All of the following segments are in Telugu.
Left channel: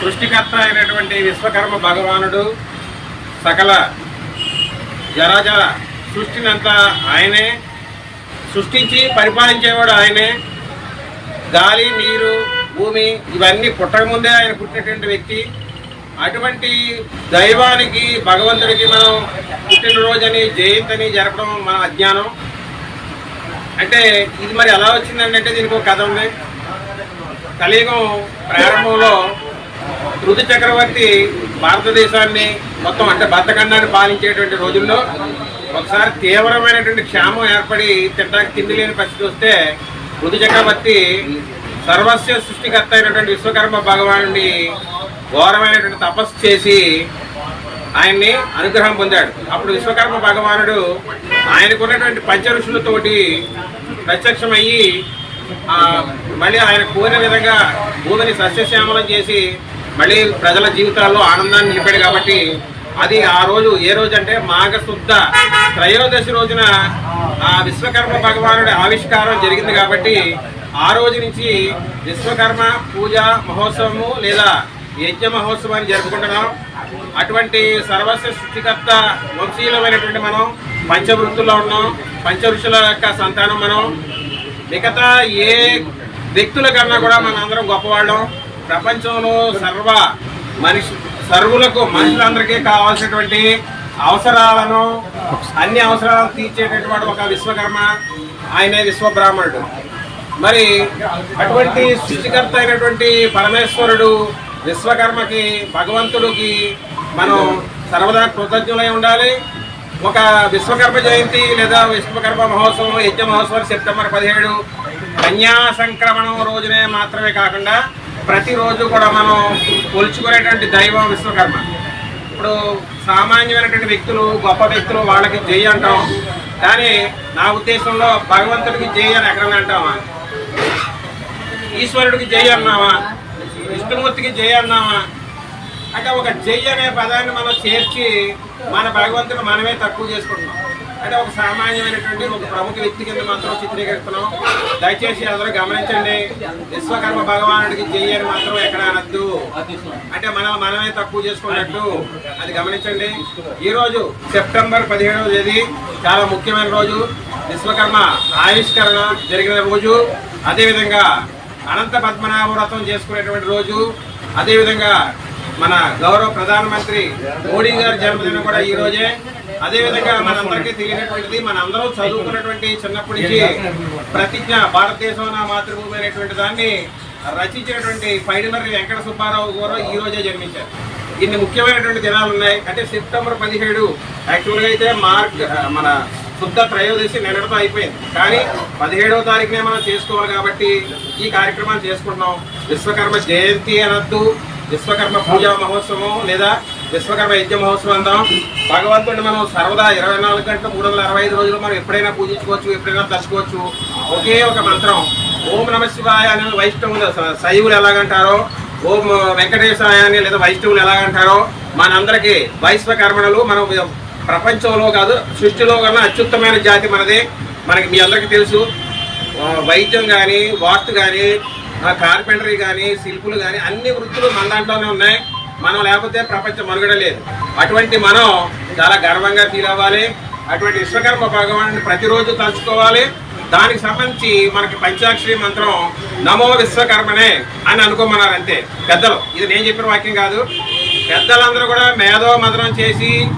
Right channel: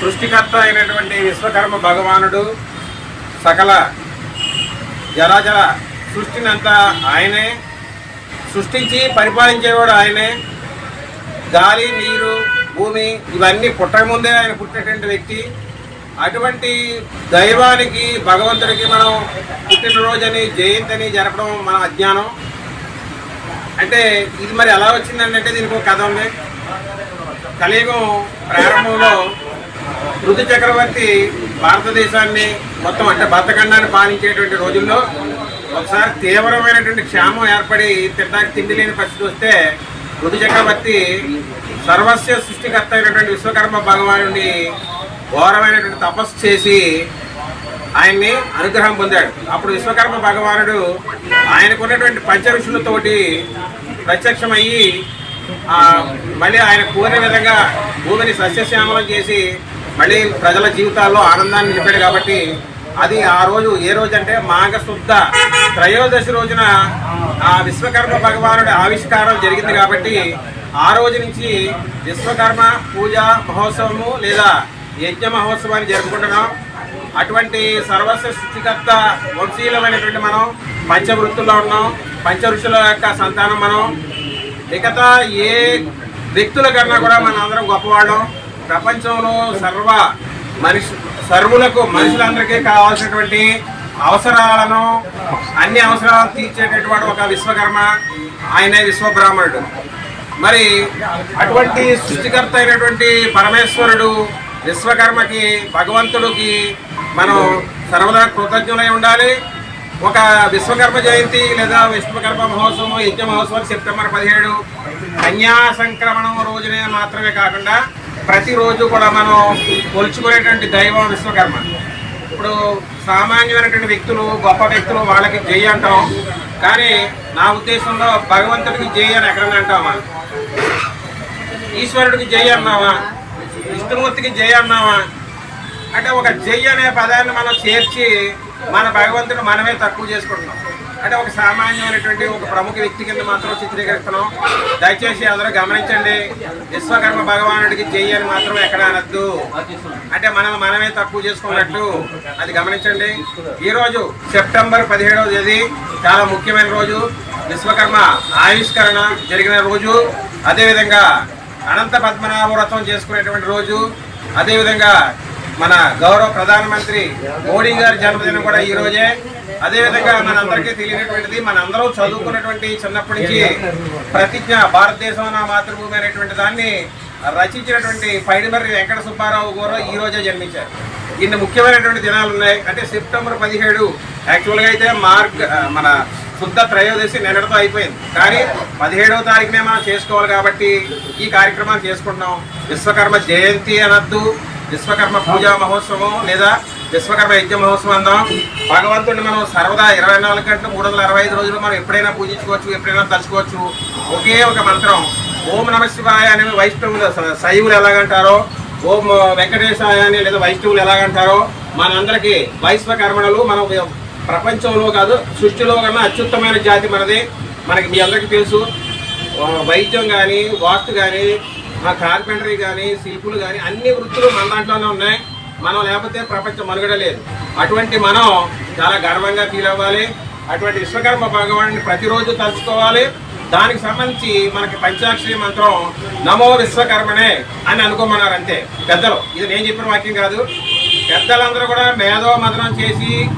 సృష్టికర్త అయినటువంటి విశ్వకర్మ భగవానుడు సకల జరాజ సృష్టినంతా ఆయనే. సృష్టించి పరిపాలించేవాడు ఆయనే. గాలి నీరు భూమి ఇవన్నీ పుట్టకముందే ఆయన పుట్టినటువంటి వ్యక్తి. అటువంటి దైవానికి భగవంతుడికి మనం పుట్టినరోజని జయంతిని జరపడం మన అజ్ఞానం. అంటే ఇది మరి ఎలా వచ్చిందండి అంటే దీనికి ఒక కథ ఉంది. కలియుగం ప్రారంభంలో ఋతు చక్రవర్తి భారతదేశాన్ని మొత్తం అంటే భర్తఖండాన్ని పాలించేటువంటి రోజుల్లో ఒకసారి తీవ్రమైనటువంటి క్షామం ఏర్పడి తినడానికి తిండి లేని పరిస్థితి వస్తే ఋతు చక్రవర్తి సర్వస్వ సృష్టికర్త అయినటువంటి విశ్వకర్మ భగవానుని ఘోరమైనటువంటి తపస్సు చేసి ఆయన్ని అనుగ్రహం పొందాడు. అప్పుడు విశ్వకర్మ భగవానుడు ఆయనకున్నటువంటి పంచ ఋషులతోటి ప్రత్యక్షమయ్యి మళ్ళీ ఆయన కోరిన విధంగా భూమిని సస్యశ్యామలం చేసి మళ్ళీ ప్రజల జీవితాల్లో ఆనందాన్ని నిలిపాడు కాబట్టి అది ఆ రోజు ఏ రోజు అంటే మాఘశుద్ధ త్రయోదశి రోజున ఆ విశ్వకర్మ భగవానుడి ఆవిష్కారం జరిగింది కాబట్టి ఆ రోజు నుంచి విశ్వకర్మ పూజ మహోత్సవము లేదా యజ్ఞ మహోత్సవాన్ని జరుపుకుంటున్నాం. అటువంటి సర్వస్వ సృష్టికర్త వంశీయులమైనటువంటి మనం పంచవృత్తుల్లో ఉన్నాం. పంచ ఋషుల యొక్క సంతానం మనం. మిగతా ఏ వ్యక్తుల కన్నా కూడా మనం అందరం గొప్పవాళ్ళం. ప్రపంచంలో సర్వ మనిషి సర్వులకు మనుషులందరికీ కావాల్సినటువంటి అవసరాలను అన్ని అవసరాలను తీర్చేటటువంటి ఒక విశ్వకర్మ ఆయనే విశ్వబ్రాహ్మణుడు. మరి అటువంటి సృష్టికర్త అయినటువంటి పరమేశ్వరుడు విశ్వకర్మకి భగవంతుడికి మనం సర్వదా కృతజ్ఞులై ఉండాలి. ఒక విశ్వకర్మ జయంతి లేదా విశ్వకర్మ మహోత్సవం యజ్ఞ మహోత్సవం సెప్టెంబర్ పదిహేడు. కన్యా సంక్రమణం రోజునే మాత్రమే కాకుండా ప్రతిరోజు కూడా మనం కొలుచుకునేటువంటి దైవం విశ్వకర్మ. ఇప్పుడు సామాన్యమైనటువంటి వ్యక్తులు గొప్ప వ్యక్తులు వాళ్ళకి జై అంటాం. కానీ నా ఉద్దేశంలో భగవంతుడికి జై అని ఎక్కడన్నా అంటామా? ఈశ్వరుడికి జై అన్నావా విష్ణుమూర్తికి జై అన్నావా అంటే ఒక జై అనే పదాన్ని మనం చేర్చి మన భగవంతుడు మనమే తక్కువ చేసుకుంటున్నాం. అంటే ఒక సామాన్యమైనటువంటి ఒక ప్రముఖ వ్యక్తి కింద మాత్రం చిత్రీకరిస్తున్నాం. దయచేసి అందరూ గమనించండి. విశ్వకర్మ భగవానుడికి జై అని మాత్రం ఎక్కడ అనద్దు. అంటే మనం మనమే తక్కువ చేసుకున్నట్టు అది గమనించండి. ఈరోజు సెప్టెంబర్ పదిహేడవ తేదీ చాలా ముఖ్యమైన రోజు. విశ్వకర్మ ఆవిష్కరణ జరిగిన రోజు. అదేవిధంగా అనంత పద్మనాభ వ్రతం చేసుకునేటువంటి రోజు. అదేవిధంగా మన గౌరవ ప్రధానమంత్రి మోడీ గారి జన్మదినం కూడా ఈ రోజే. అదేవిధంగా మనందరికీ తెలియనటువంటిది మనందరం చదువుకున్నటువంటి చిన్నప్పటి నుంచి ప్రతిజ్ఞ భారతదేశం నా మాతృభూమి అనేటువంటి దాన్ని రచించినటువంటి పైడిమర్రి వెంకట సుబ్బారావు గారు ఈ రోజే జన్మించారు. ఇన్ని ముఖ్యమైనటువంటి దినాలు ఉన్నాయి. అంటే సెప్టెంబర్ పదిహేడు యాక్చువల్గా అయితే మార్క్ మన శుద్ధ త్రయోదశి నిన్నటితో అయిపోయింది. కానీ పదిహేడవ తారీఖునే మనం చేసుకోవాలి కాబట్టి ఈ కార్యక్రమాన్ని చేసుకుంటున్నాం. విశ్వకర్మ జయంతి అనద్దు. విశ్వకర్మ పూజా మహోత్సవం లేదా విశ్వకర్మ యజ్ఞ మహోత్సవం అందాం. భగవంతుడిని మనం సర్వదా ఇరవై నాలుగు గంటలు మూడు వందల అరవై ఐదు రోజులు మనం ఎప్పుడైనా పూజించుకోవచ్చు ఎప్పుడైనా తలుచుకోవచ్చు. ఒకే ఒక మంత్రం. ఓం నమ శివాయ అనే వైష్ణవులు శైవులు ఎలాగంటారో ఓం వెంకటేశాయ అని లేదా వైష్ణవులు ఎలాగంటారో మనందరికీ వైశ్వకర్మణులు మనం ప్రపంచంలో కాదు సృష్టిలో కన్నా అత్యుత్తమైన జాతి మనది. మనకి మీ అందరికీ తెలుసు. వైద్యం కానీ వాస్తు కానీ కార్పెంటరీ కానీ శిల్పులు కానీ అన్ని వృత్తులు మన దాంట్లోనే ఉన్నాయి. మనం లేకపోతే ప్రపంచం మనుగడ లేదు. అటువంటి మనం చాలా గర్వంగా ఫీల్ అవ్వాలి. అటువంటి విశ్వకర్మ భగవాన్ని ప్రతిరోజు తలుచుకోవాలి. దానికి సంబంధించి మనకి పంచాక్షరి మంత్రం నమో విశ్వకర్మనే అని అనుకోమన్నారు అంతే పెద్దలు ఇది నేను చెప్పిన వాక్యం కాదు. పెద్దలందరూ కూడా మేధో మదనం చేసి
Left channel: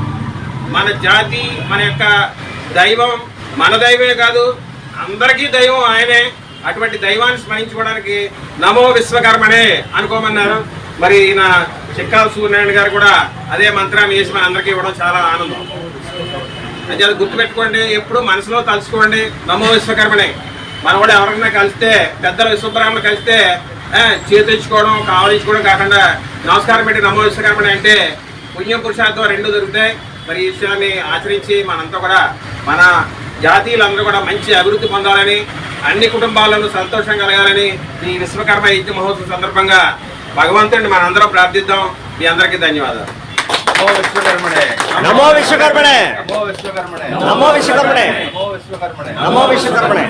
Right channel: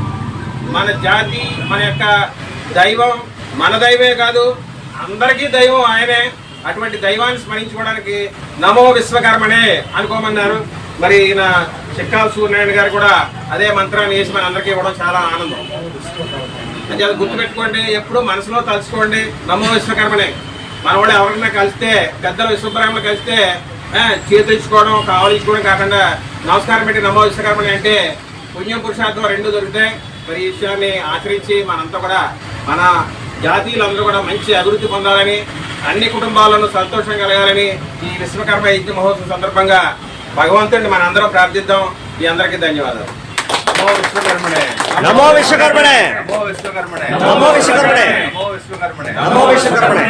మన జాతి మన యొక్క దైవం మన దైవమే కాదు అందరికీ దైవం ఆయనే. అటువంటి దైవాన్ని స్మరించుకోవడానికి నమో విశ్వకర్మనే అనుకోమన్నారు. మరి ఈయన చిక్కాల సూర్యనారాయణ గారు కూడా అదే మంత్రాన్ని వేసి మన అందరికీ ఇవ్వడం చాలా ఆనందం. అంటే అది గుర్తుపెట్టుకోండి ఎప్పుడు మనసులో తలుచుకోండి నమో విశ్వకర్మనే. మన కూడా ఎవరైనా కలిస్తే పెద్దల విశ్వబ్రాహ్మణ కలిస్తే చేతించుకోవడం కావలించుకోవడం కాకుండా నమస్కారం పెట్టి నమో విశ్వకర్మనే అంటే పుణ్యం పురుషార్థం రెండు దొరికితే మరి ఈ విషయాన్ని ఆచరించి మనంతా కూడా మన జాతీయులందరూ కూడా మంచి అభివృద్ధి పొందాలని అన్ని కుటుంబాలను సంతోషం కలగాలని ఈ విశ్వకర్మ యజ్ఞ మహోత్సవం సందర్భంగా భగవంతుడిని మనందరం ప్రార్థిద్దాం. మీ అందరికీ ధన్యవాదాలు. నమో విశ్వకర్మణే నమో విశ్వకర్మణే నమో విశ్వకర్మణే నమో విశ్వకర్మణే నమో విశ్వకర్మణే